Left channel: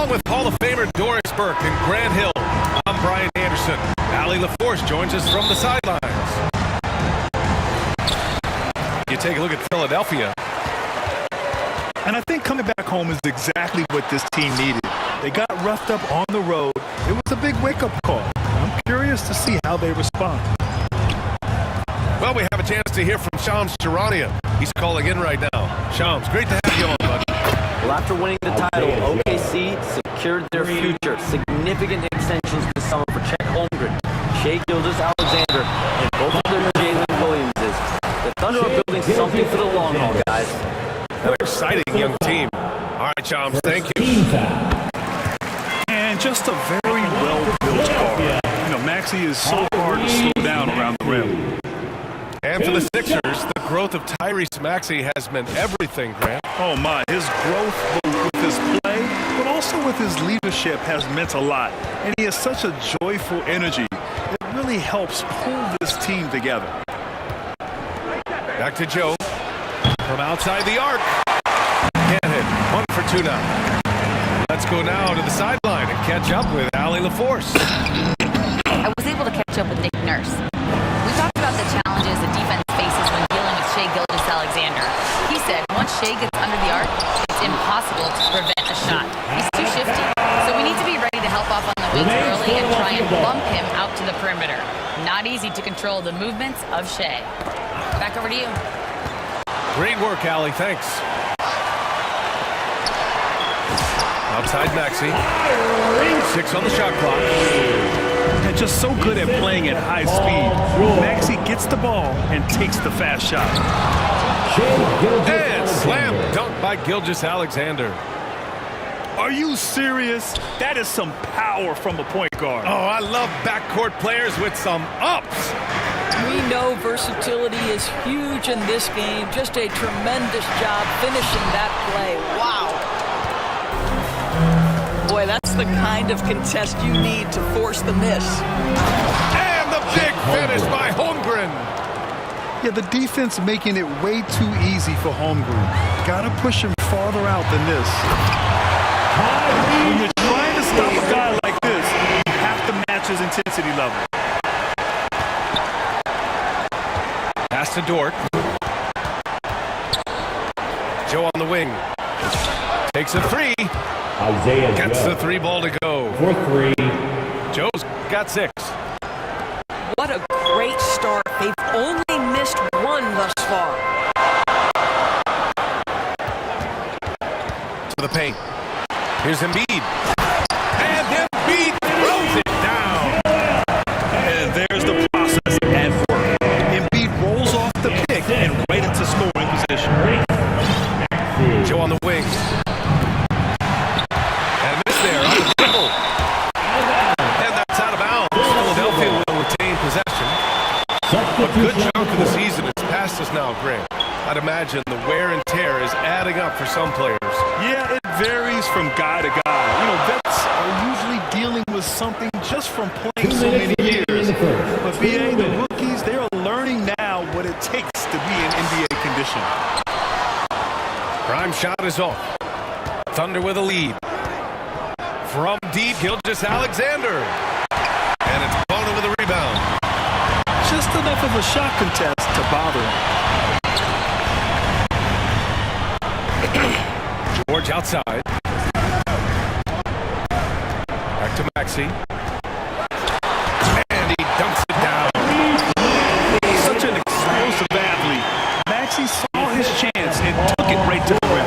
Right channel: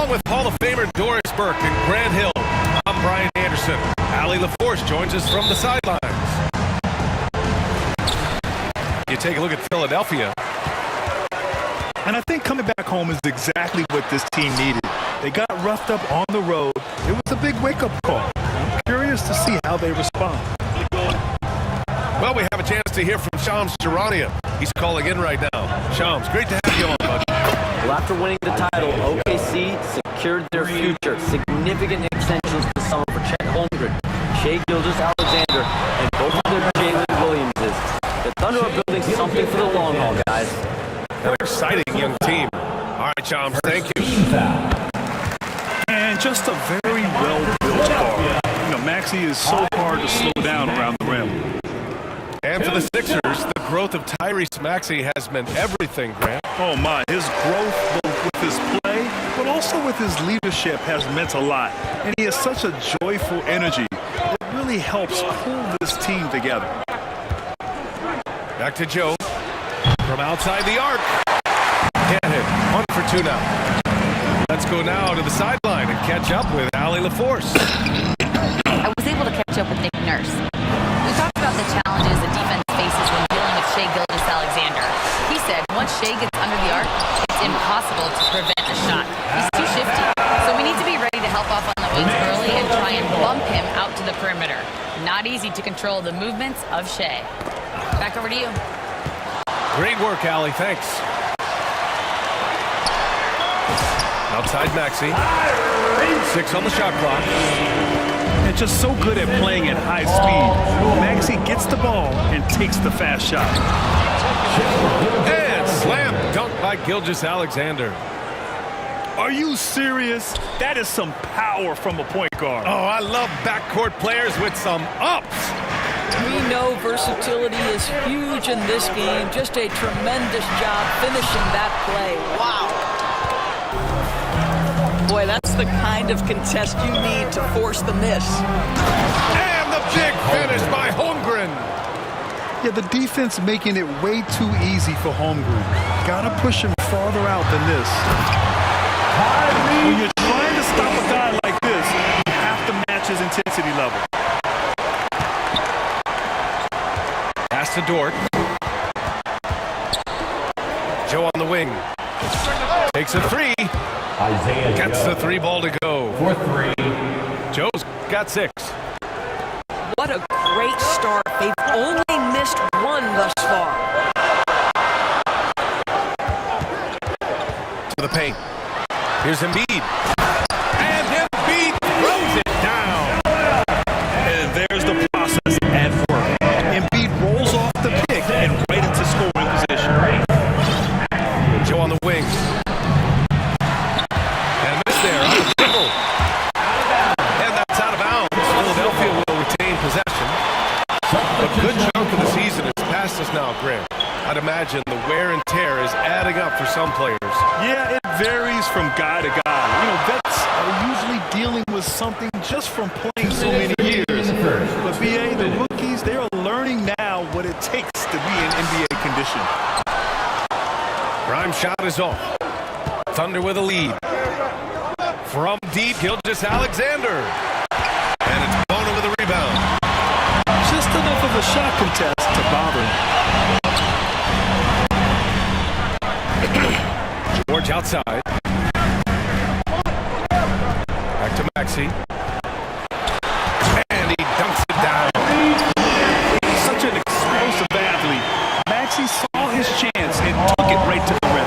Along with Hall of Famer Doris Burke and Grant Hill, I'm Brian Anderson. Allie LaForce joins us from the sidelines. You take a look at Philadelphia. And I think coming back home is exactly what this team needed. They got roughed up on the road. It was a big wake-up call. I'm curious to see how they respond. Well, we have a chance to hear from Shams Charania. He's calling in right now. Shams, great to have you on, bud. Well, after winning the title, OKC secured their future. Significant extensions this summer for Chet Holmgren, Shai Gilgeous-Alexander, and both of their Jalen Williamses. The Thunder are building something for the long haul, guys. An exciting young team. All right, Shams, thank you. And just a very well-built guard. You know, Maxey is so hard to slow down around the rim. And for the Sixers, the growth of Tyrese Maxey has meant everything, Grant. Oh, my. His growth, both with his play, but also with his leadership, has meant a lot. And he has such a joyful energy. It really helps pull this team together. Back to Joe. From outside the arc. Can't hit. 1 for 2 now. Let's go now to the sideline and catch up with Allie LaForce. I was able to catch up with Nick Nurse. We talked about the challenges the defense faces when dealing with Shai Gilgeous-Alexander. He said once Shai gets under the arc, it's impossible to prevent a shot. He's too shifty. So we need to be ready to help off on the wings early and try and bump him out to the perimeter. Not easy to control the movements of Shai. Back over to you. Great work, Allie. Thanks. Outside Maxey. 6 on the shot clock. And just so good at playing at high speed. Maxey gets the ball and takes the fast shot. And slam dunk by Gilgeous-Alexander. Are you serious? That is some power from a point guard. Oh, I love backcourt players with some ups. We know versatility is huge in this game. Just a tremendous job finishing that play. Wow. Boy, that's the kind of contest you need to force the miss. And the big finish by Holmgren. Yeah, the defense making it way too easy for Holmgren. Gotta push him farther out than this. When you're trying to stop a guy like this, you have to match his intensity level. Pass to Dort. Joe on the wing. Takes a 3. Isaiah Gets the 3 ball to go. For 3. Joe's got 6. What a great start. They've only missed 1 thus far. To the paint. Here's Embiid. And Embiid throws it down. And there's the process at work. Embiid rolls off the pick and right into scoring position. Joe on the wing. And a miss there on the dribble. And that's out of bounds. Philadelphia will retain possession. A good chunk of the season is past us now, Grant. I'd imagine the wear and tear is adding up for some players. Yeah, it varies from guy to guy. You know, vets are usually dealing with something just from playing so many years. But BA, the rookies, they are learning now what it takes to be in NBA condition. Prime shot is off. Thunder with a lead. From deep, Gilgeous-Alexander. And it's Bono with a rebound. Just enough of a shot contest to bother him. George outside. Back to Maxey. And he dunks it down. Such an explosive athlete. Maxey saw his chance and took it right to the rim.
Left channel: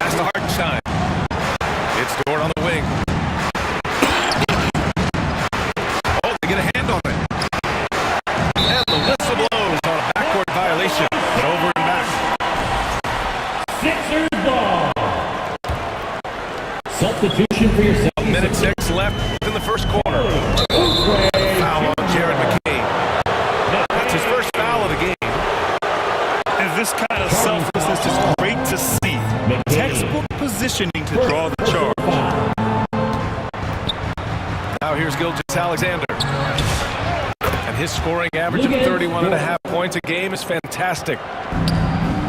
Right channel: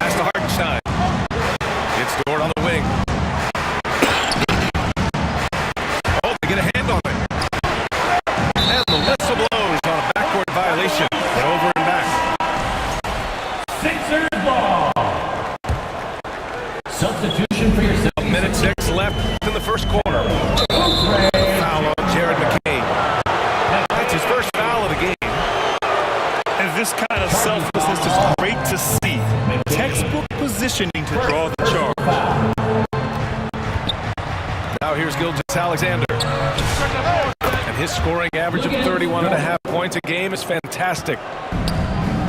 Pass to Hartenstein. It's Dort on the wing. Oh, they get a hand on it. And the whistle blows on a backcourt violation. And over and back. Sixers ball. Substitution for yourself. A minute 6 left in the first quarter. Foul on Jared McCain. That's his first foul of the game. And this kind of selflessness is great to see. Textbook positioning to draw the charge. Now here's Gilgeous-Alexander. And his scoring average of 31.5 points a game is fantastic.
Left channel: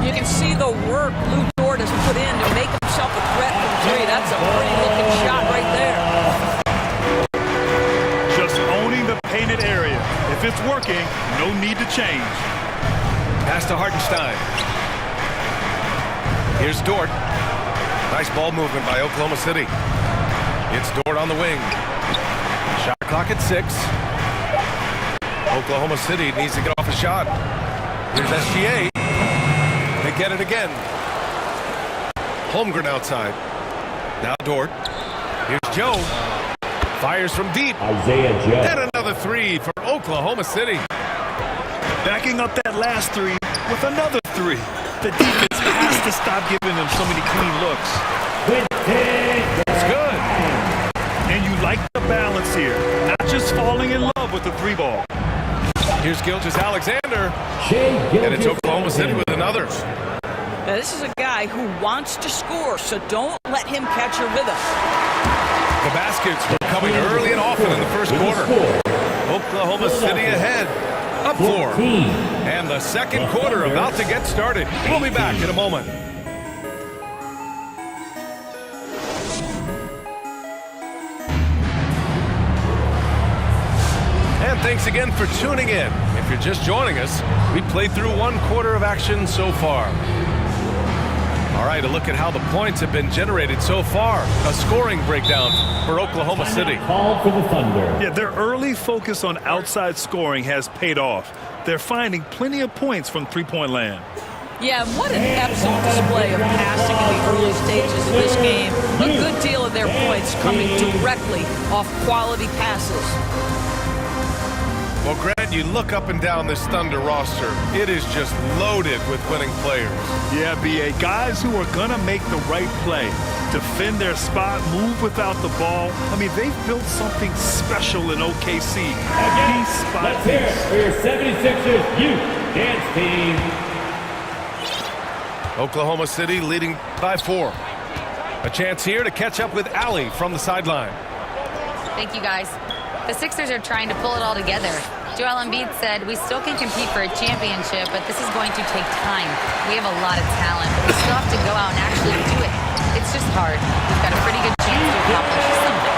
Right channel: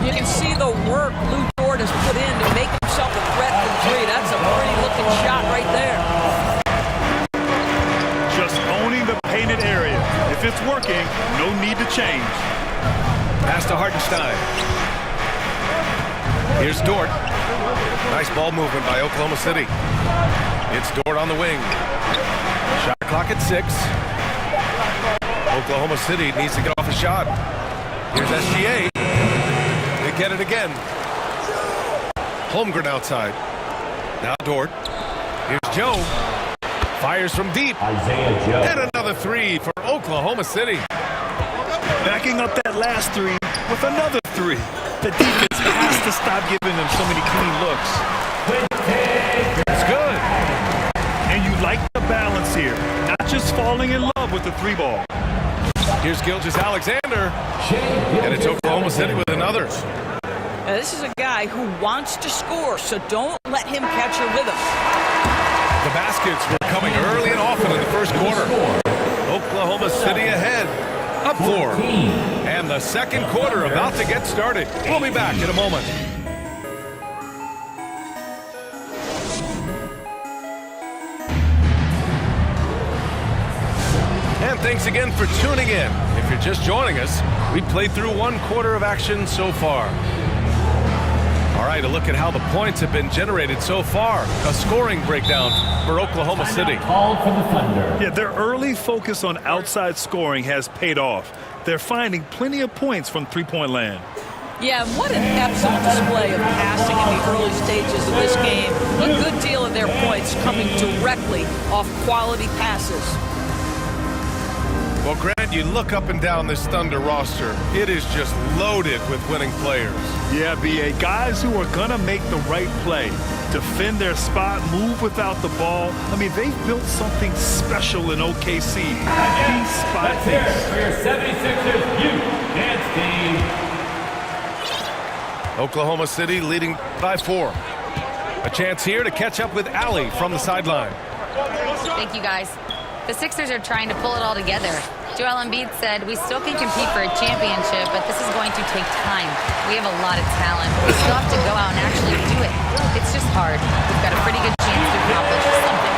You can see the work Lou Dort has put in to make himself a threat from three. That's a pretty looking shot right there. Just owning the painted area. If it's working, no need to change. Pass to Hartenstein. Here's Dort. Nice ball movement by Oklahoma City. It's Dort on the wing. Shot clock at 6. Oklahoma City needs to get off a shot. Here's SGA. They get it again. Holmgren outside. Now Dort. Here's Joe. Fires from deep. Isaiah Joe. And another 3 for Oklahoma City. Backing up that last 3 with another 3. The defense has to stop giving them so many clean looks. That's good. And you like the balance here. Not just falling in love with the 3-ball. Here's Gilgeous-Alexander. And it's Oklahoma City with another. Now, this is a guy who wants to score, so don't let him catch your rhythm. The baskets were coming early and often in the first quarter. Oklahoma City ahead. Up 4. And the second quarter about to get started. We'll be back in a moment. And thanks again for tuning in. If you're just joining us, we played through 1 quarter of action so far. All right, a look at how the points have been generated so far. A scoring breakdown for Oklahoma City. Called for the Thunder. Yeah, their early focus on outside scoring has paid off. They're finding plenty of points from three-point land. Yeah, what an excellent display of passing in the early stages of this game. A good deal of their points coming directly off quality passes. Well, Grant, you look up and down this Thunder roster. It is just loaded with winning players. Yeah, B.A., guys who are going to make the right play, defend their spot, move without the ball. I mean, they've built something special in OKC. Piece by Let's hear it piece. for your 76ers youth dance team. Oklahoma City leading by 4. A chance here to catch up with Allie from the sideline. Thank you, guys. The Sixers are trying to pull it all together. Joel Embiid said, "We still can compete for a championship, but this is going to take time. We have a lot of talent, but we still have to go out and actually do it. It's just hard. We've got a pretty good chance to accomplish something."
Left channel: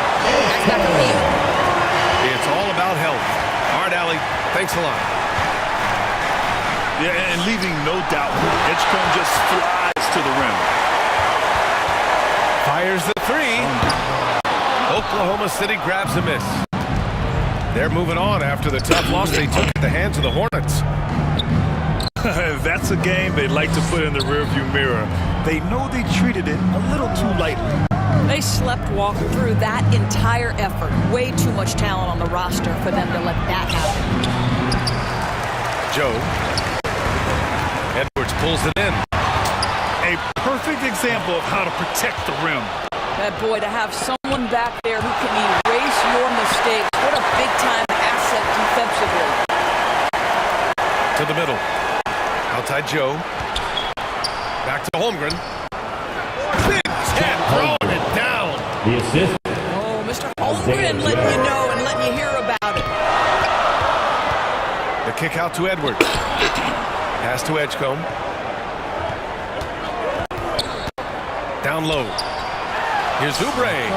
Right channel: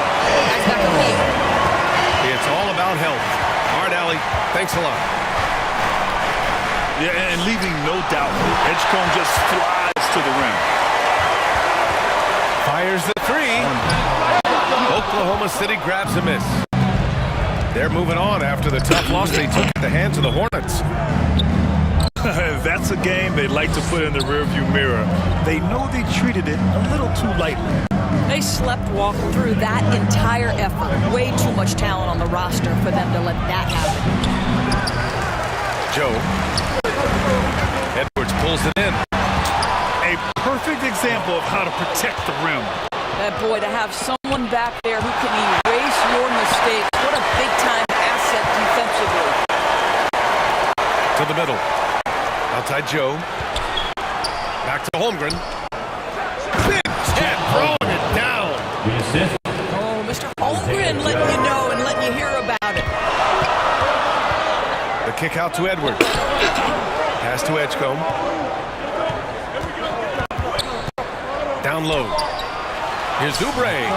Guys, back over to you. It's all about health. All right, Allie, thanks a lot. Yeah, and leaving no doubt. Edgecombe just flies to the rim. Fires the 3. Oklahoma City grabs a miss. They're moving on after the tough loss they took at the hands of the Hornets. That's a game they'd like to put in the rearview mirror. They know they treated it a little too lightly. They sleepwalk through that entire effort. Way too much talent on the roster for them to let that happen. Joe. Edwards pulls it in. A perfect example of how to protect the rim. That boy, to have someone back there who can erase your mistakes. What a big-time asset defensively. To the middle. Outside Joe. Back to Holmgren. Big tap, throwing it down. The assist. Oh, Mr. Holmgren letting you know and letting you hear about it. The kick out to Edwards. Pass to Edgecombe. Down low. Here's Oubre.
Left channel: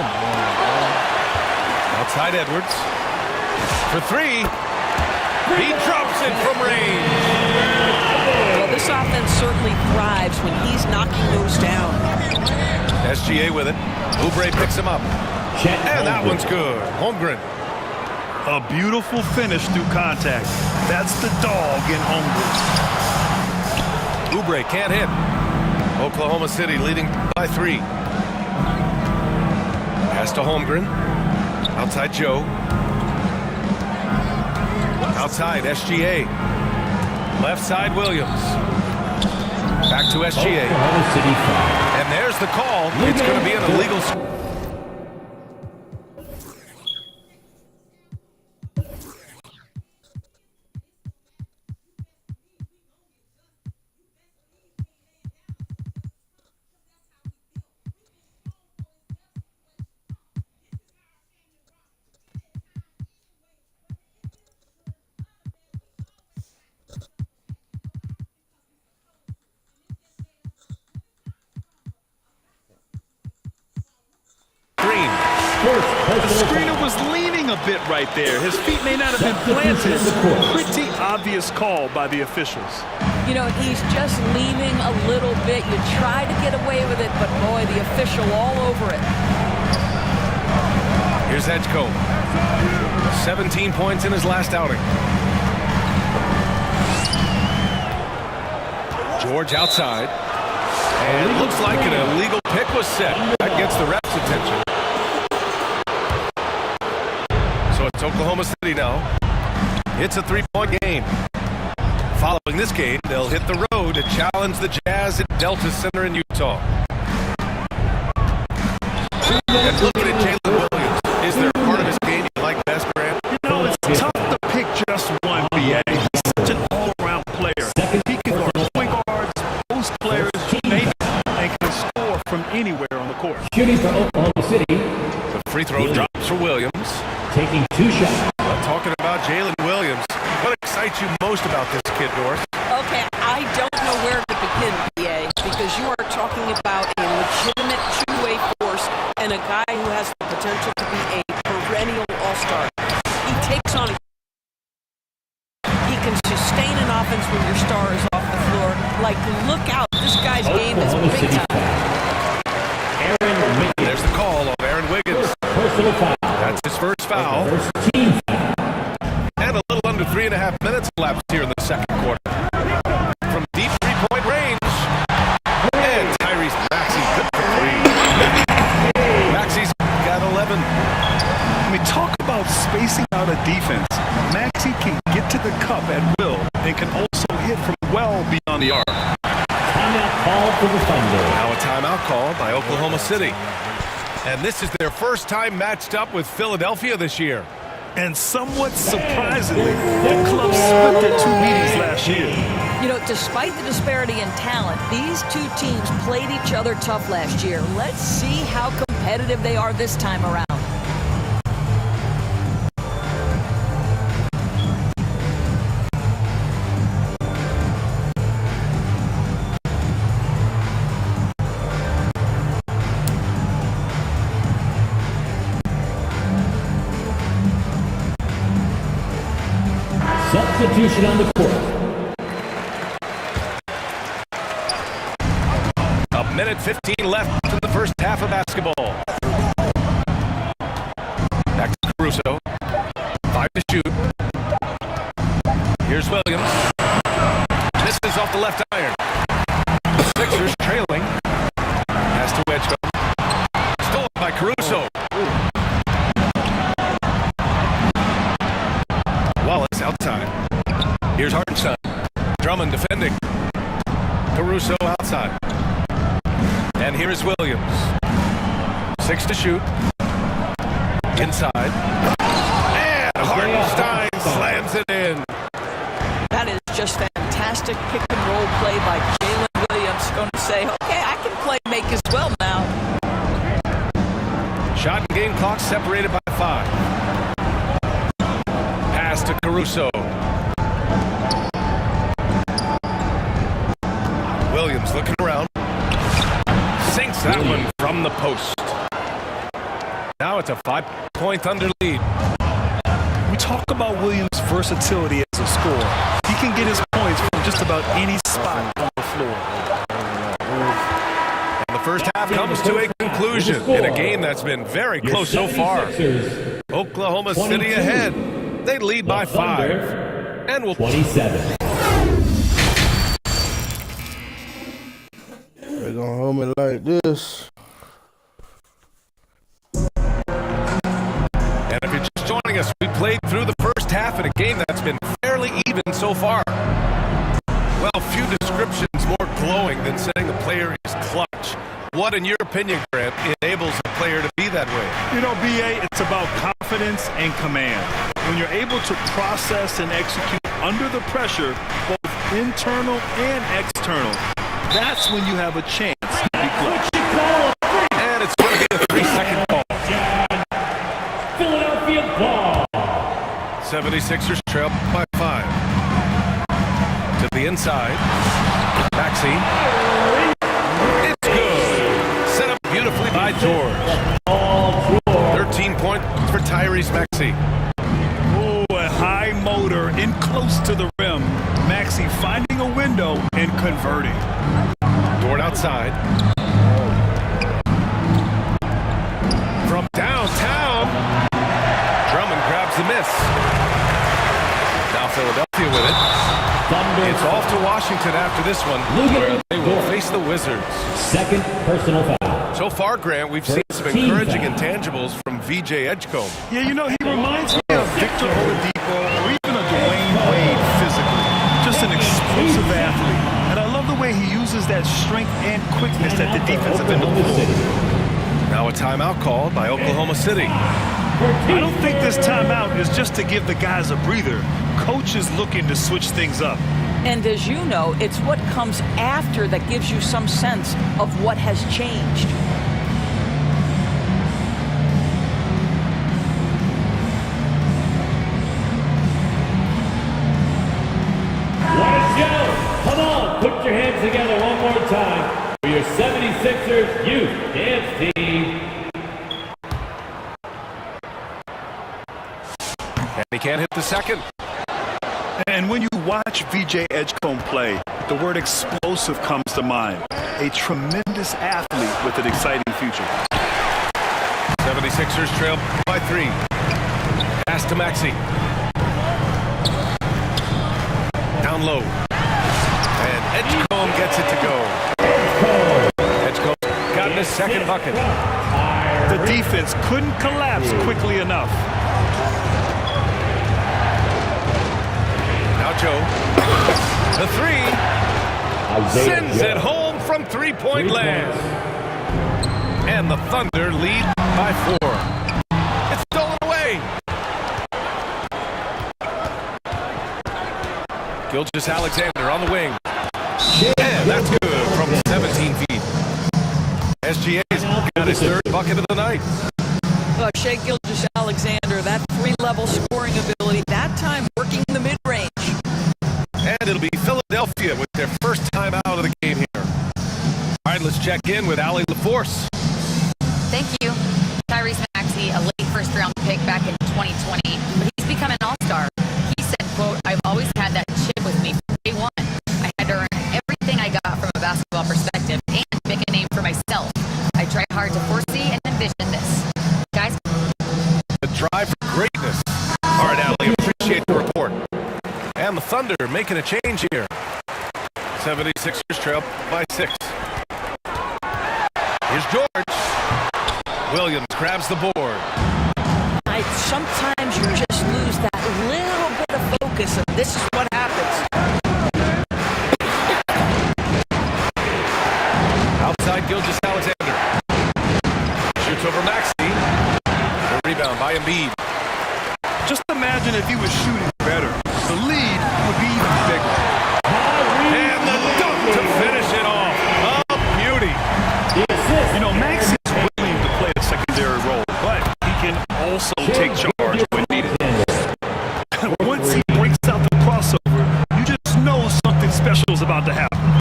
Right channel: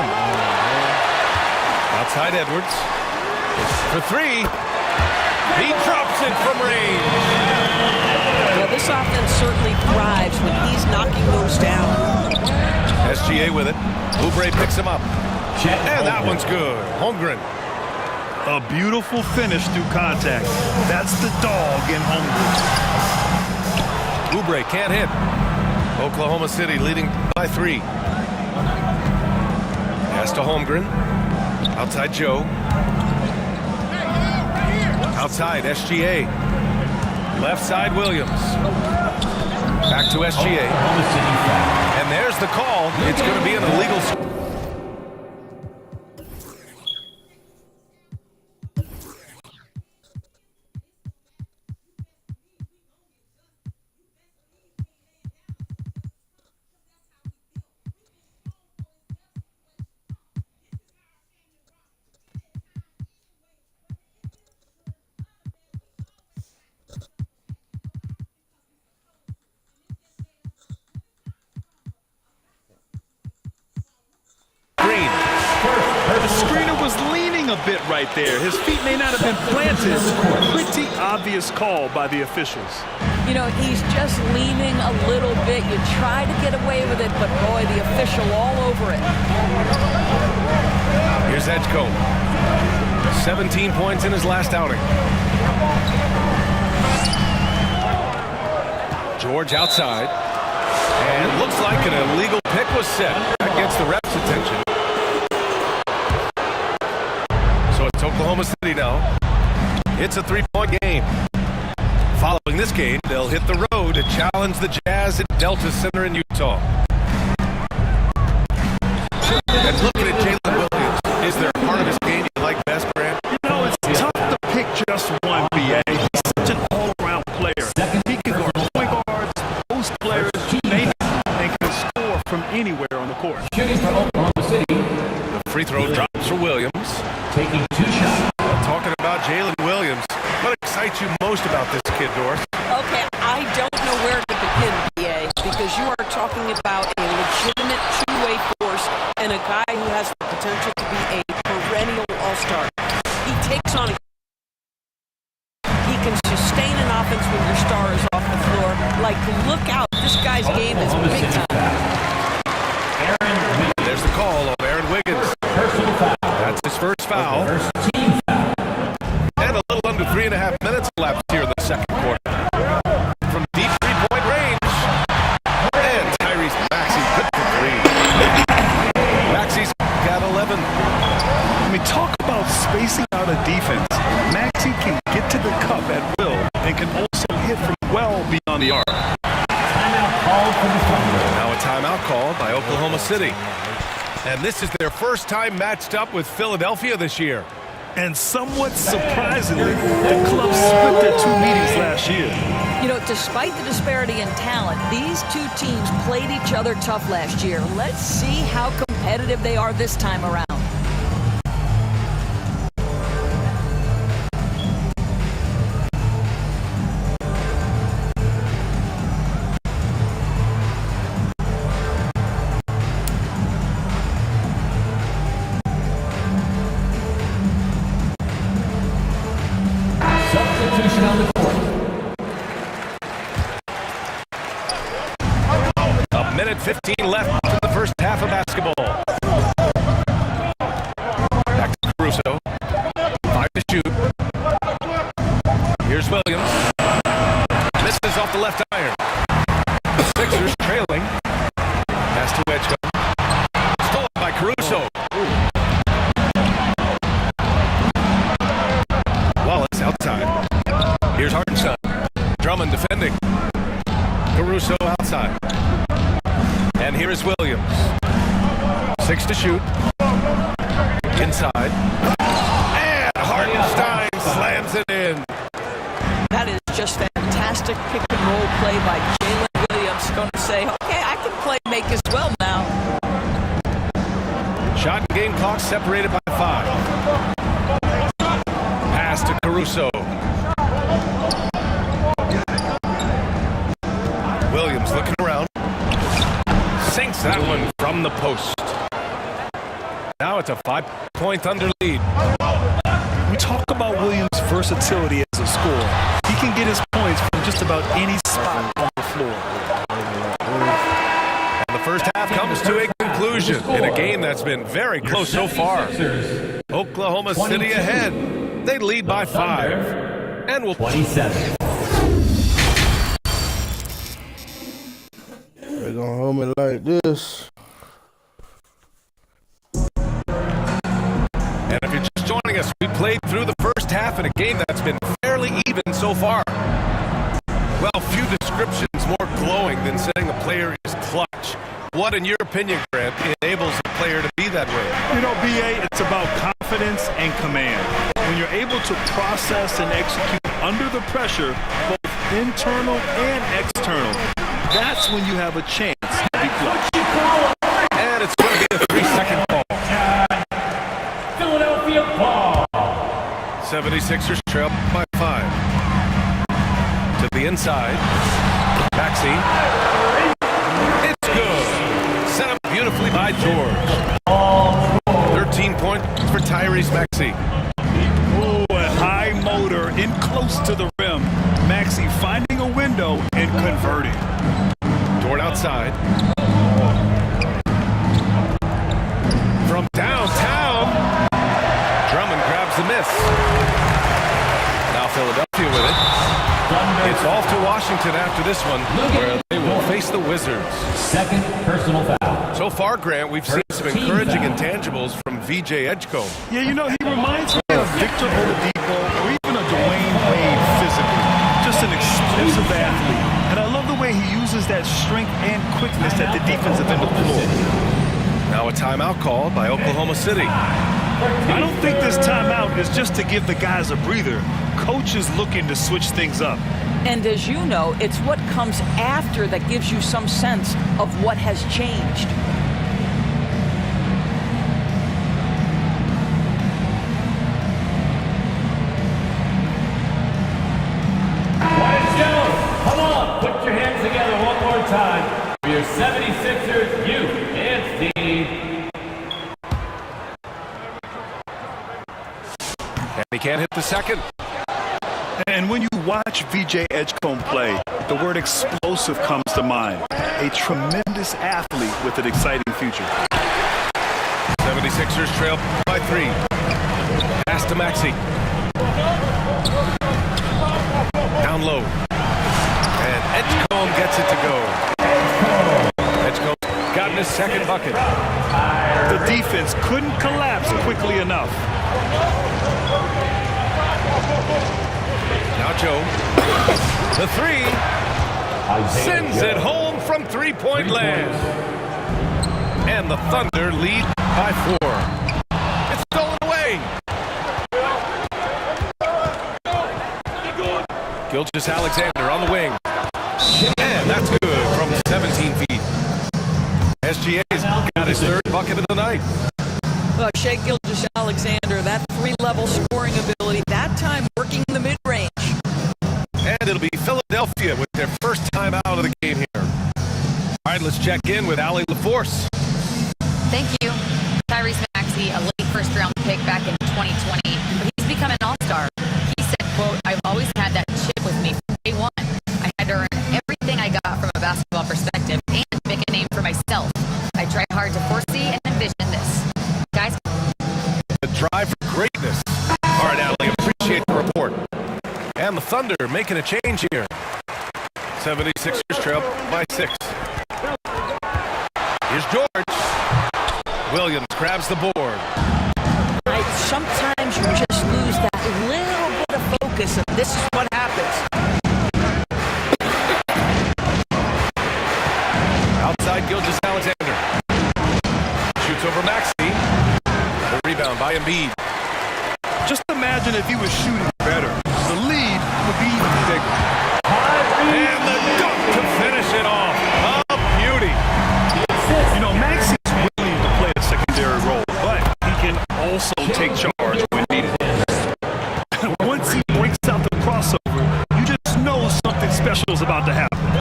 Outside Edwards. For 3. He drops it from range. Well, this offense certainly thrives when he's knocking those down. SGA with it. Oubre picks him up. And that one's good. Holmgren. A beautiful finish through contact. That's the dog in Holmgren. Oubre can't hit. Oklahoma City leading by 3. Pass to Holmgren. Outside Joe. Outside SGA. Left side Williams. Back to SGA. Oklahoma City foul. And there's the call. It's going to be an illegal. The screener was leaning a bit right there. His feet may not have been planted. Pretty obvious call by the officials. You know, he's just leaning a little bit. You try to get away with it, but boy, the official all over it. Here's Edgecombe. 17 points in his last outing. George outside. And looks like an illegal pick was set. That gets the ref's attention. So it's Oklahoma City now. It's a 3-point game. Following this game, they'll hit the road to challenge the Jazz at Delta Center in Utah. And looking at Jalen Williams, is there a part of his game you like best, Grant? You know, it's tough to pick just one, BA. He's such an all-around player. He can guard point guards, post players, and can score from anywhere on the court. Shooting for Oklahoma City. The free throw drops for Williams. Taking 2 shots. Talking about Jalen Williams, what excites you most about this kid, Doris? Okay, I don't know where to begin, BA, because you are talking about a legitimate two-way force and a guy who has the potential to be a perennial all-star. He takes on he can sustain an offense when your star is off the floor. Like, look out, this guy's game is big time. There's the call on Aaron Wiggins. Personal foul. That's his first foul. First team foul. And a little under 3.5 minutes left here in the second quarter. From deep three-point range. And Tyrese Maxey good for 3. Maxey's got 11. I mean, talk about spacing out a defense. Maxey can get to the cup at will and can also hit from well beyond the arc. Timeout called for the Thunder. Now a timeout called by Oklahoma City. And this is their first time matched up with Philadelphia this year. And somewhat surprisingly, the club split their 2 meetings last year. You know, despite the disparity in talent, these two teams played each other tough last year. Let's see how competitive they are this time around. Substitution on the court. A minute 15 left in the first half of basketball. Back to Caruso. 5 to shoot. Here's Williams. Misses off the left iron. The Sixers trailing. Pass to Edgecombe. Stolen by Caruso. Wallace outside. Here's Hartenstein. Drummond defending. Caruso outside. And here is Williams. 6 to shoot. Inside. And Hartenstein slams it in. That is just fantastic pick and roll play by Jalen Williams. Going to say, okay, I can play make as well now. Shot and game clock separated by 5. Pass to Caruso. Williams looking around. Sinks that one from the post. Now it's a 5-point under lead. We talk about Williams' versatility as a scorer. He can get his points from just about any spot on the floor. And the first half comes to a conclusion in a game that's been very close so far. Oklahoma City ahead. They lead by 5. And will 27. They're gonna hold me like this. And if you're just joining us, we played through the first half in a game that's been fairly even so far. Well, few descriptions more glowing than saying a player is clutch. What, in your opinion, Grant, enables a player to be that way? You know, BA, it's about confidence and command. When you're able to process and execute under the pressure, both internal and external, that's when you have a chance to be clutch. And it's going to be a 3-second call. Philadelphia ball. 76ers trail by 5. To the inside. Maxey. It's good. Set up beautifully by George. 13 machine point for Tyrese Maxey. Oh, a high motor in close to the rim. Maxey finding a window and converting. Dort outside. From downtown. Drummond grabs the miss. Now Philadelphia with it. It's off to Washington after this one, where they will face the Wizards. Second personal foul. So far, Grant, we've seen some encouraging intangibles from VJ Edgecombe. Yeah, you know, he reminds me of Victor Oladipo or even a Dwayne Wade physically. Just an explosive athlete. And I love the way he uses that strength and quickness at the defensive end of the floor. Now a timeout called by Oklahoma City. I don't think this timeout is just to give the guys a breather. Coach is looking to switch things up. And as you know, it's what comes after that gives you some sense of what has changed. Wyatt Jones, come on, put your hands together one more time for your 76ers Youth Dance Team. And he can't hit the second. And when you watch VJ Edgecombe play, the word explosive comes to mind. A tremendous athlete with an exciting future. 76ers trail by 3. Pass to Maxey. Down low. And Edgecombe gets it to go. Edgecombe's gotten his second bucket. The defense couldn't collapse quickly enough. Now Joe. The 3. Sends it home from three-point land. And the Thunder lead by 4. It's stolen away. Gilgeous-Alexander on the wing. And that's good from 17 feet. SGA's got his third bucket of the night. Shai Gilgeous-Alexander, that three-level scoring ability, that time working the mid-range. And it'll be Philadelphia with their first time out of the game here. All right, let's check in with Allie LaForce. Thank you. Tyrese Maxey, a late first-round pick back in 2020, but he's become an all-star. He said, quote, "I've always had that chip with me from day one. I had to earn everything I got from a basketball perspective and make a name for myself. I try hard to foresee and envision this." Guys? The drive for greatness. All right, Allie, appreciate the report. And the Thunder making a change here. 76ers trail by 6. Here's George. Williams grabs the board. Sometimes you just lose that little bit of focus, and this is what happens. Outside Gilgeous-Alexander. Shoots over Maxey. The rebound by Embiid. Just imagine if he was shooting better. The lead would be even bigger. And the dunk to finish it off. A beauty. You know, Maxey's willing to play a secondary role, but he can also take charge when needed. Once he breaks out the crossover, you just know something special is about to happen.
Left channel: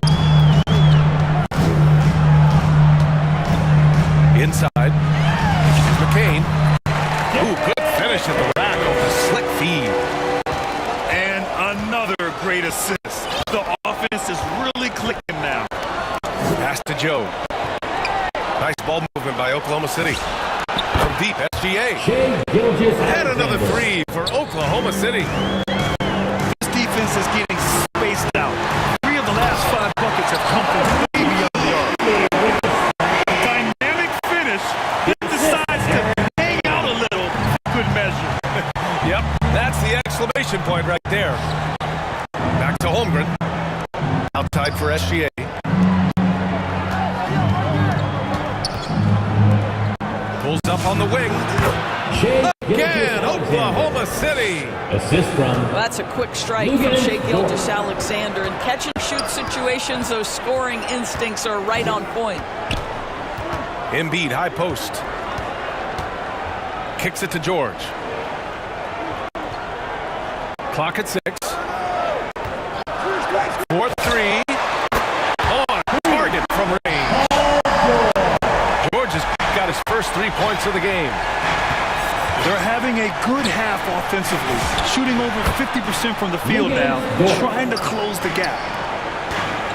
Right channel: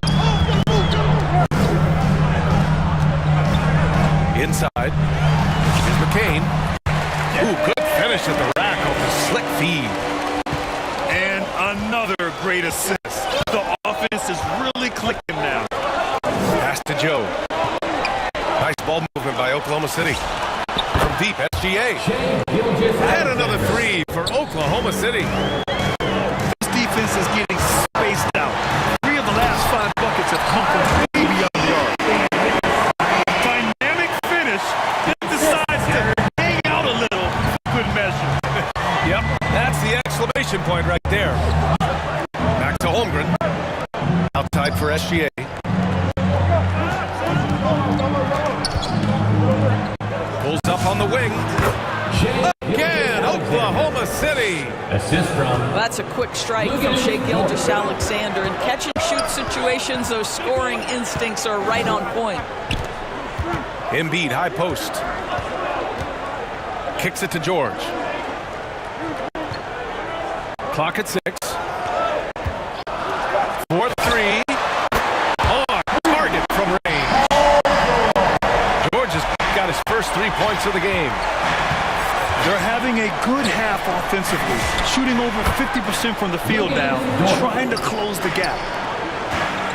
Inside is McCain. Ooh, good finish at the rack off the slick feed. And another great assist. The offense is really clicking now. Pass to Joe. Nice ball movement by Oklahoma City. From deep, SGA. And another 3 for Oklahoma City. This defense is getting spaced out. 3 of the last 5 buckets have come from way beyond the arc. Dynamic finish. Then decides to hang out a little. Good measure. Yep, that's the exclamation point right there. Back to Holmgren. Outside for SGA. Pulls up on the wing. Again, Oklahoma City. Assist from. Well, that's a quick strike from Shai Gilgeous-Alexander. In catch-and-shoot situations, those scoring instincts are right on point. Embiid, high post. Kicks it to George. Clock at 6. 4-3. On target from range. George has got his first 3 points of the game. They're having a good half offensively, shooting over 50% from the field now, trying to close the gap.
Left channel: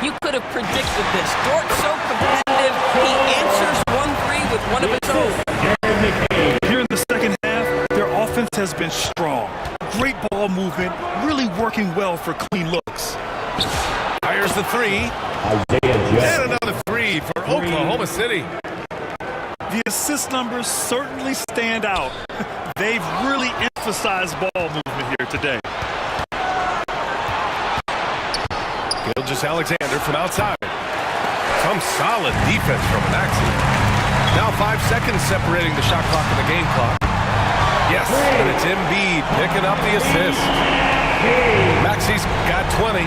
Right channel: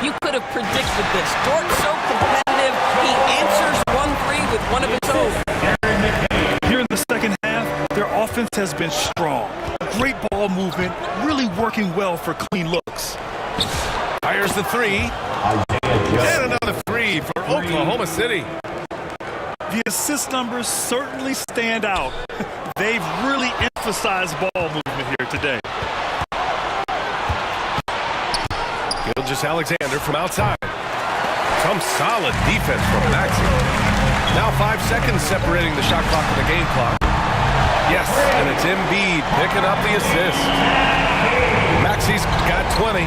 You could have predicted this. Dort's so competitive, he answers 1-3 with one of his own. Here in the second half, their offense has been strong. Great ball movement, really working well for clean looks. Fires the three. And another three for Oklahoma City. The assist numbers certainly stand out. They've really emphasized ball movement here today. Gilgeous-Alexander from outside. Some solid defense from Maxey. Now 5 seconds separating the shot clock and the game clock. Yes, and it's Embiid picking up the assist. Maxey's got 20.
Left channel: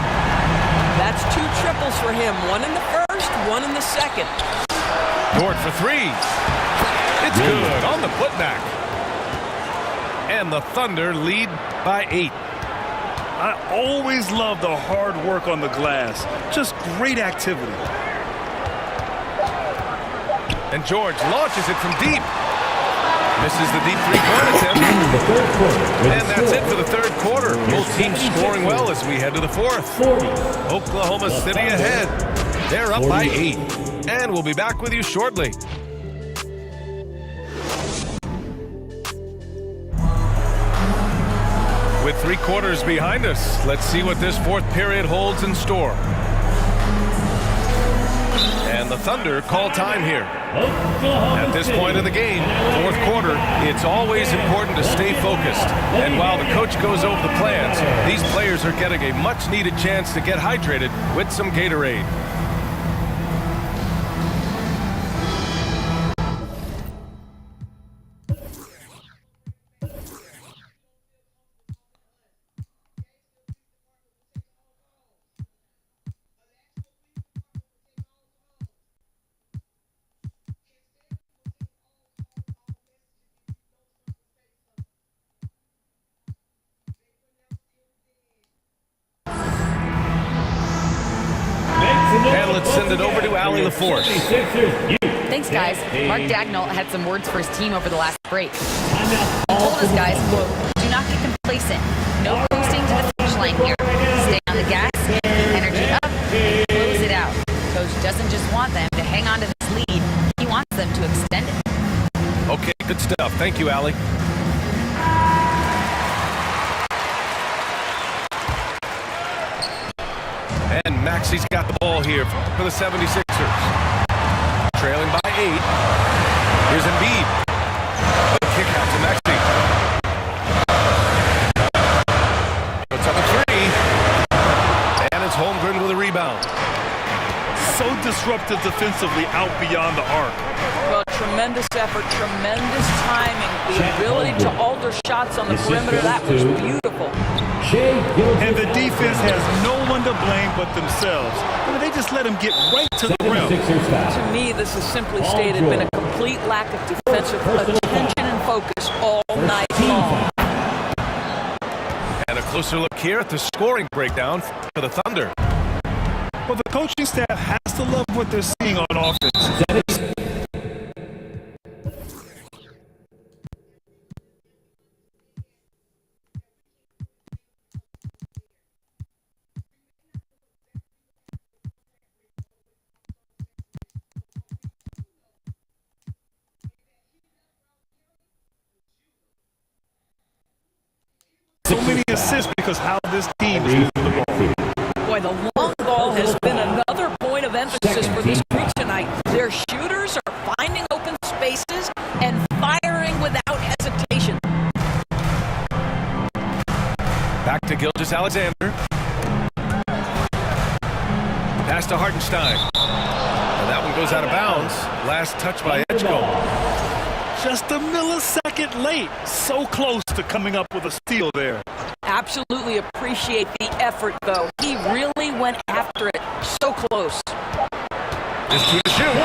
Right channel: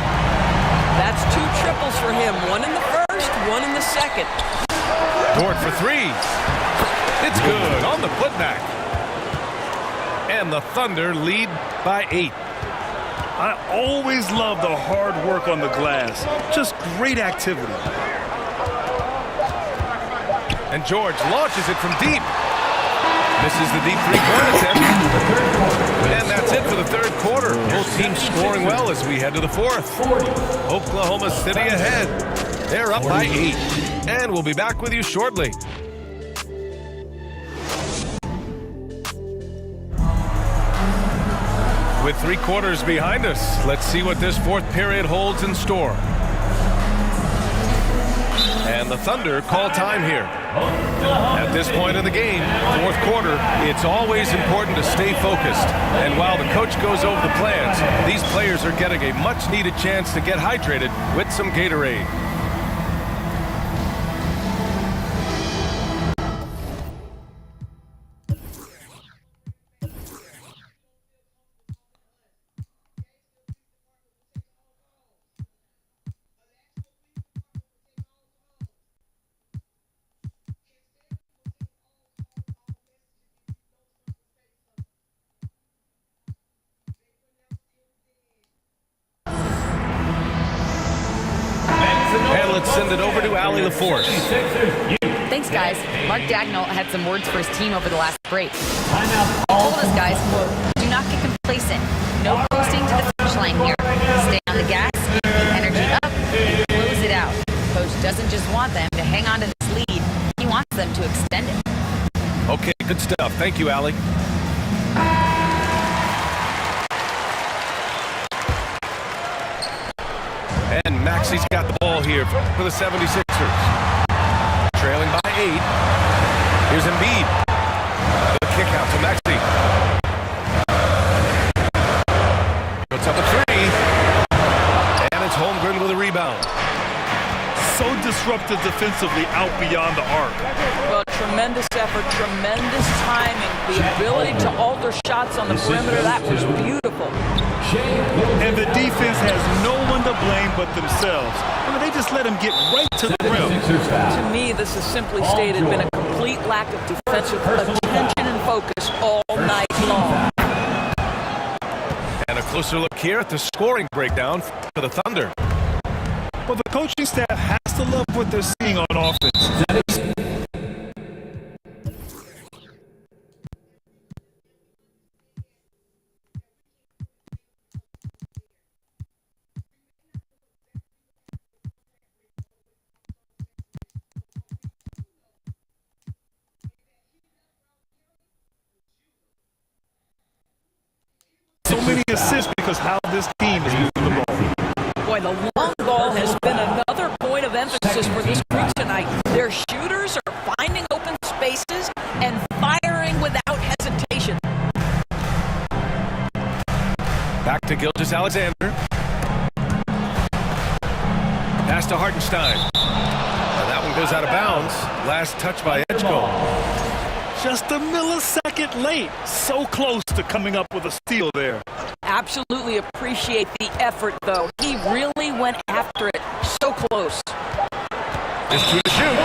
That's 2 triples for him. One in the first, one in the second. Dort for three. It's good on the putback. And the Thunder lead by 8. I always love the hard work on the glass. Just great activity. And George launches it from deep. Misses the deep three-point attempt. And that's it for the third quarter. Both teams scoring well as we head to the fourth. Oklahoma City ahead. They're up by 8. And we'll be back with you shortly. With 3 quarters behind us, let's see what this fourth period holds in store. And the Thunder call time here. At this point of the game, fourth quarter, it's always important to stay focused. And while the coach goes over the plans, these players are getting a much-needed chance to get hydrated with some Gatorade. And let's send it over to Allie LaForce. Thanks, guys. Mark Dagnall had some words for his team over the last break. He told us, guys, quote, do not get complacent. No coasting to the finish line here. Stay on the gas, keep the energy up, and close it out. Coach doesn't just want them to hang on to this lead. He wants them to extend it. Okay, good stuff. Thank you, Allie. And Maxey's got the ball here for the 76ers. Trailing by 8. Here's Embiid. The kick out to Maxey. Puts up a 3. And it's Holmgren with a rebound. So disruptive defensively out beyond the arc. Well, tremendous effort, tremendous timing. The ability to alter shots on the perimeter, that was beautiful. And the defense has no one to blame but themselves. I mean, they just let him get right to the rim. To me, this is simply stated been a complete lack of defensive attention and focus all night long. And a closer look here at the scoring breakdown for the Thunder. Well, the coaching staff has to love what they're seeing on offense. So many assists because how this team is moving the ball. Boy, the long ball has been another point of emphasis for this group tonight. Their shooters are finding open spaces and firing without hesitation. Back to Gilgeous-Alexander. Pass to Hartenstein. And that one goes out of bounds. Last touch by Edgecombe. Just a millisecond late. So close to coming up with a steal there. Absolutely appreciate the effort, though. He really went after it. So close. Is through the shoot.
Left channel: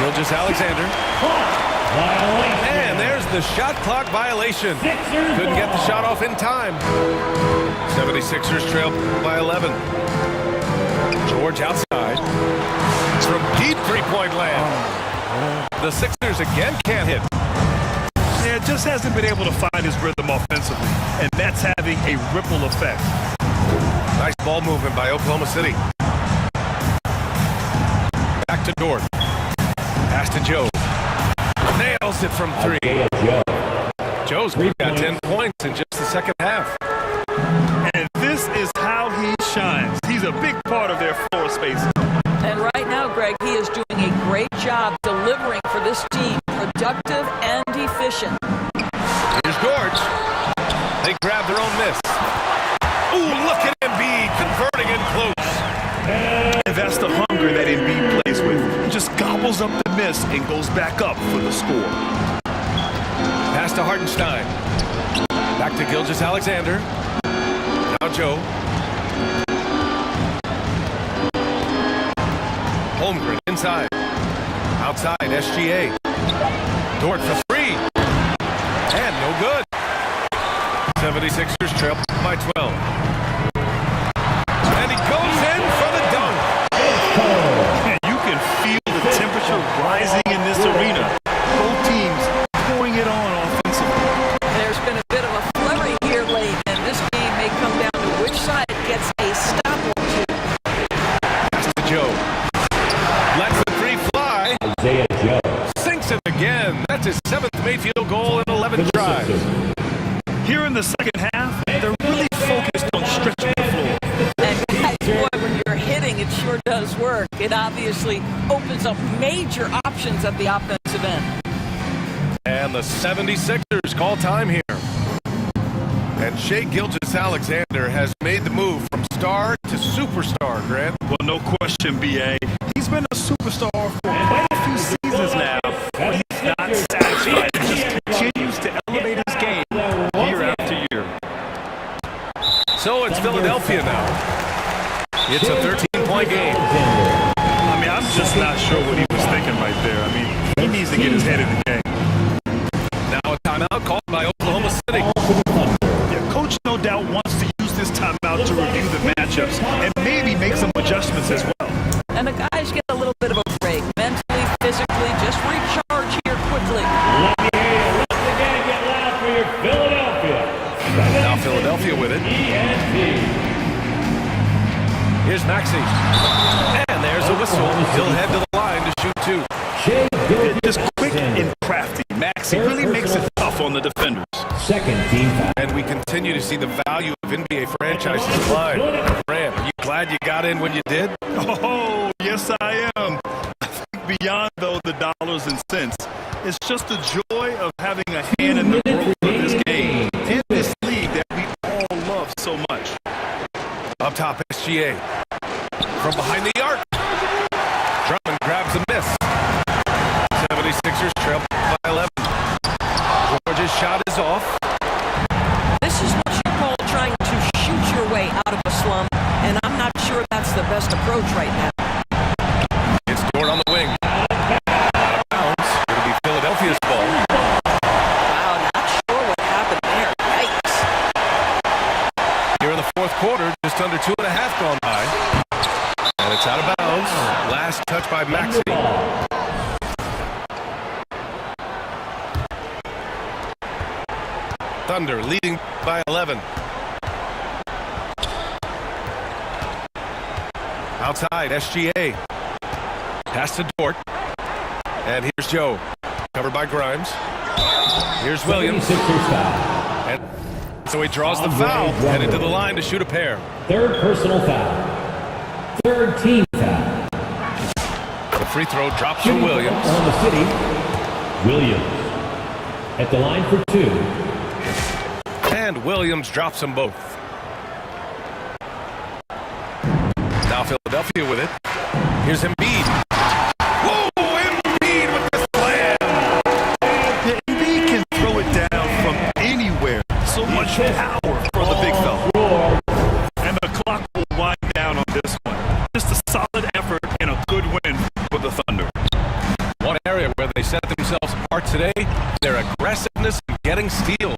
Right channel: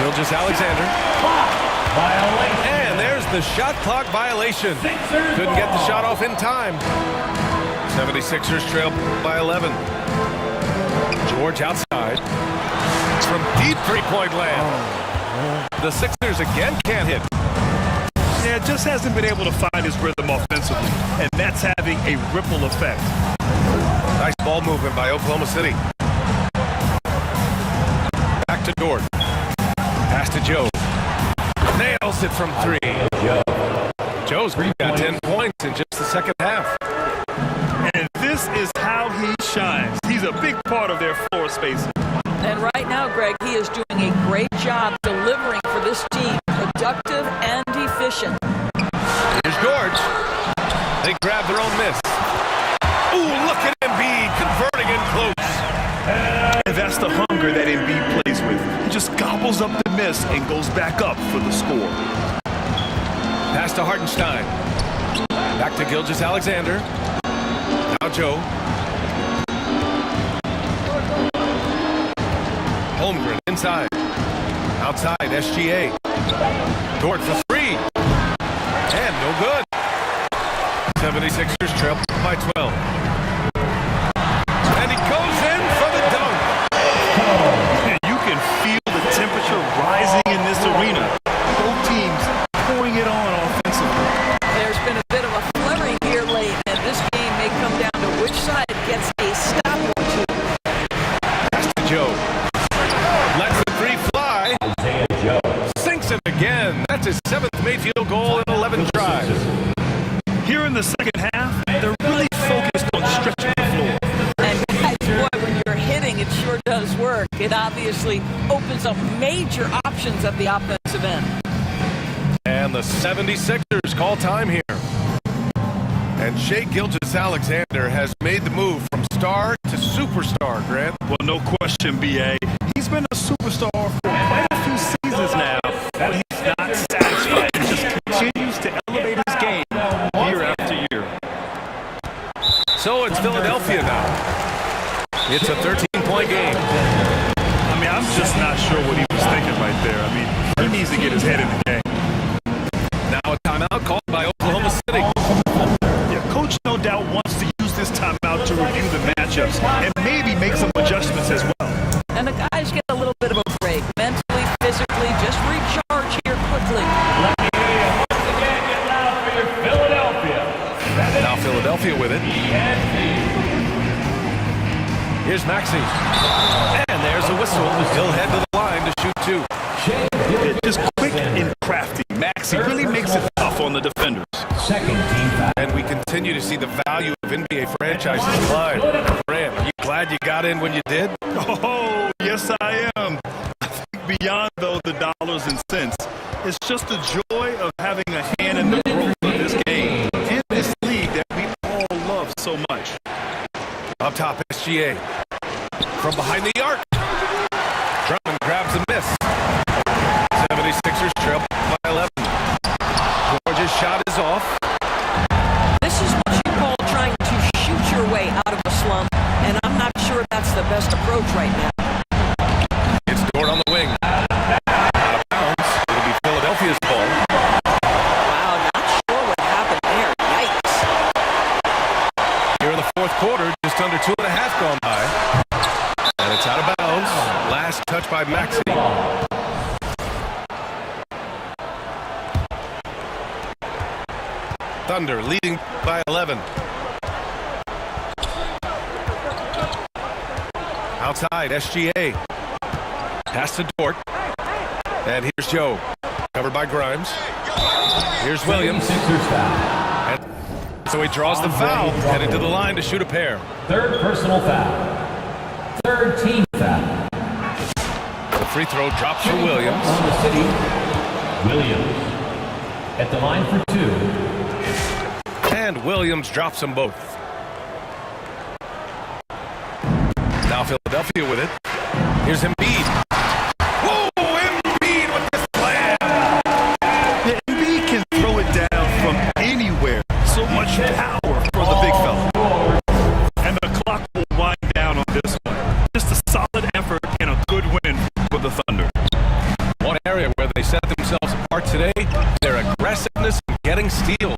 Gilgeous-Alexander. And there's the shot clock violation. Couldn't get the shot off in time. 76ers trail by 11. George outside. From deep three-point land. The Sixers again can't hit. Yeah, just hasn't been able to find his rhythm offensively, and that's having a ripple effect. Nice ball movement by Oklahoma City. Back to Dort. Pass to Joe. Nails it from three. Joe's got 10 points in just the second half. And this is how he shines. He's a big part of their floor space. And right now, Greg, he is doing a great job delivering for this team, productive and efficient. Here's Dort. They grab their own miss. Ooh, look at Embiid converting in close. And that's the hunger that Embiid plays with. He just gobbles up the miss and goes back up for the score. Pass to Hartenstein. Back to Gilgeous-Alexander. Now Joe. Holmgren inside. Outside, SGA. Dort for three. And no good. 76ers trail by 12. And he goes in for the dunk. And you can feel the temperature rising in this arena. Both teams pouring it on offensively. There's been a bit of a flurry here late, and this game may come down to which side gets a stop or two. Pass to Joe. Lets the three fly. Isaiah Joe. Sinks it again. That's his 7th made field goal in 11 tries. Here in the second half, they're really focused on stretching the floor. And guys, boy, when you're hitting, it sure does work. It obviously opens up major options at the offensive end. And the 76ers call time here. And Shai Gilgeous-Alexander has made the move from star to superstar, Grant. Well, no question, B.A. He's been a superstar for quite a few seasons now, but he's not satisfied. He just continues to elevate his game year after year. So it's Philadelphia now. It's a 13-point game. I mean, I'm just not sure what he was thinking right there. I mean, he needs to get his head in the game. Now a timeout called by Oklahoma City. Yeah, Coach no doubt wants to use this timeout to review the matchups and maybe make some adjustments as well. And the guys get a little bit of a break, mentally, physically, just recharge here quickly. Let me hear you once again get loud for your Philadelphia. Now Philadelphia with it. Here's Maxey. And there's a whistle. He'll head to the line to shoot two. Shai Yeah, just quick and crafty. Maxey really makes it tough on the defenders. Second team foul. And we continue to see the value of NBA franchises climb. Grant, are you glad you got in when you did? Oh, yes I am. I think beyond, though, the dollars and cents, it's just the joy of having a hand in the growth of this game and this league that we all love so much. Up top, SGA. From behind the arc. Drummond grabs the miss. 76ers trail by 11. George's shot is off. This is what you call trying to shoot your way out of a slump, and I'm not sure that's the best approach right now. It's Dort on the wing. Out of bounds. It'll be Philadelphia's ball. Wow, not sure what happened there. Yikes. Here in the fourth quarter, just under 2.5 gone by. And it's out of bounds. Last touch by Maxey. Thunder leading by 11. Outside, SGA. Pass to Dort. And here's Joe. Covered by Grimes. Here's Williams. Sixers foul. And so he draws the foul, headed to the line to shoot a pair. Third personal foul. Third team foul. The free throw drops for Williams. On the city, Williams. At the line for two. And Williams drops them both. Now Philadelphia with it. Here's Embiid. Whoa, Embiid with the slam. Yeah, Embiid can throw it down from anywhere. So much power for the big fella. And the clock will wind down on this one. Just a solid effort and a good win for the Thunder. One area where they set themselves apart today, their aggressiveness in getting steals.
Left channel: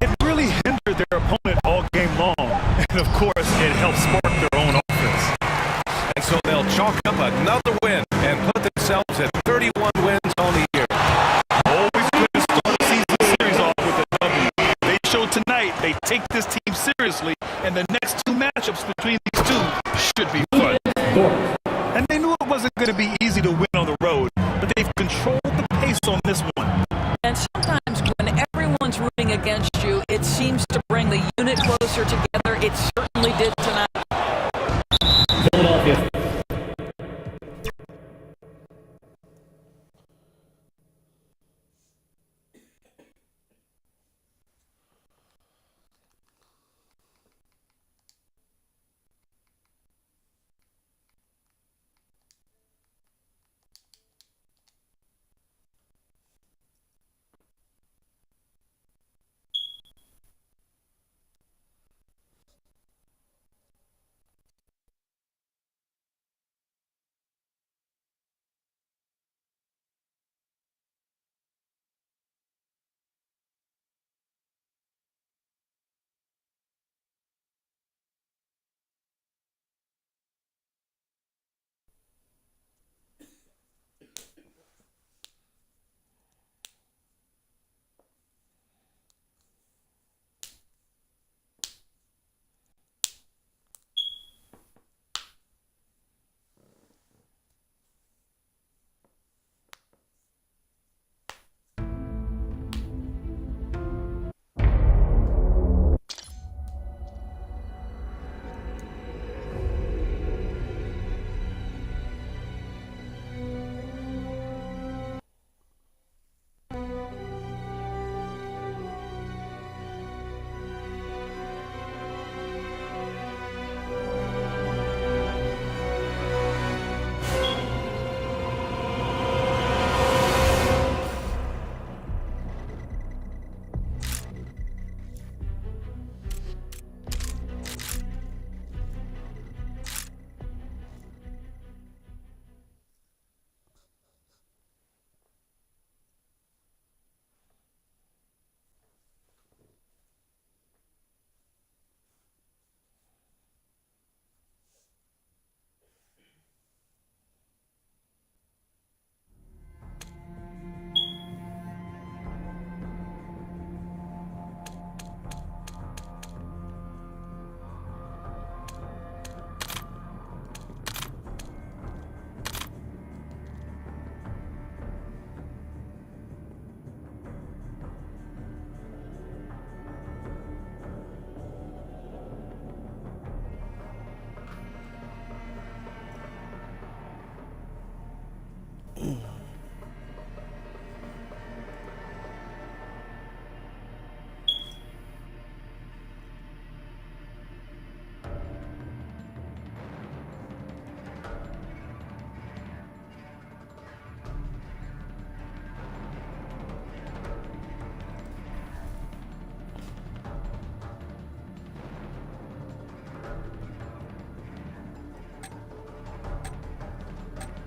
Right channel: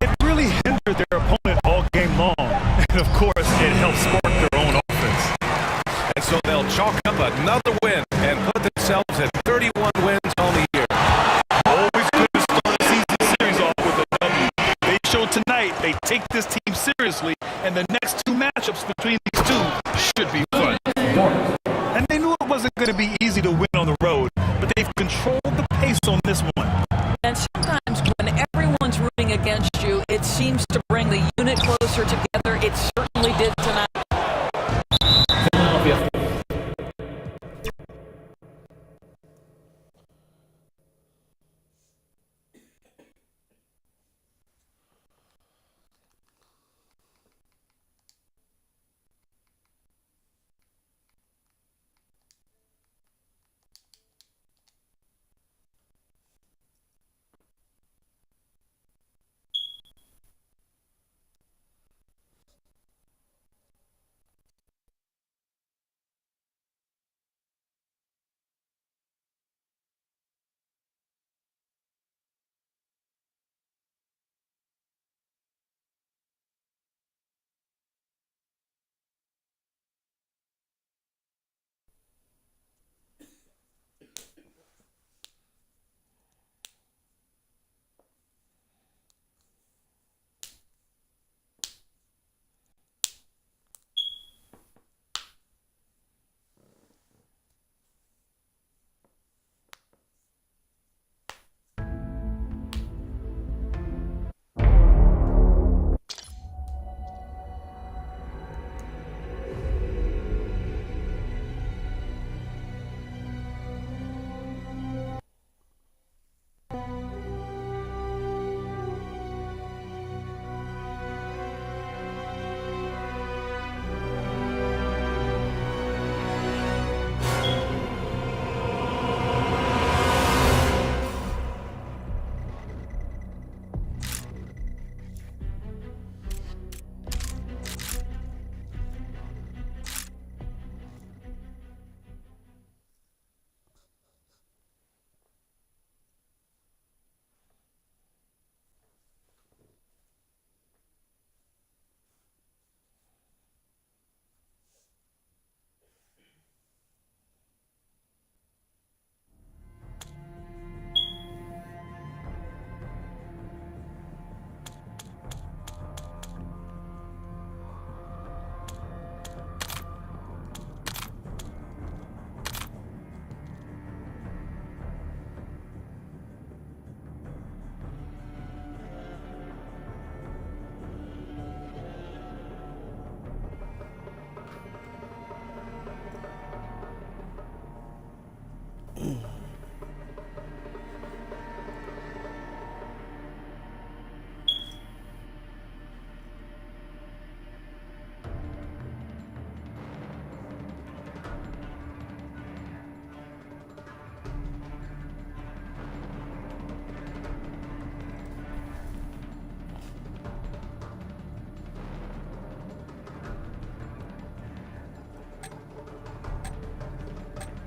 It really hindered their opponent all game long. And of course, it helped spark their own offense. And so they'll chalk up another win and put themselves at 31 wins seriously, and the next two matchups between these two should be fun. And they knew it wasn't going to be easy to win on the road, but they've controlled the pace on this one. And sometimes when everyone's rooting against you, it seems to bring the unit closer together. It certainly did tonight. Philadelphia.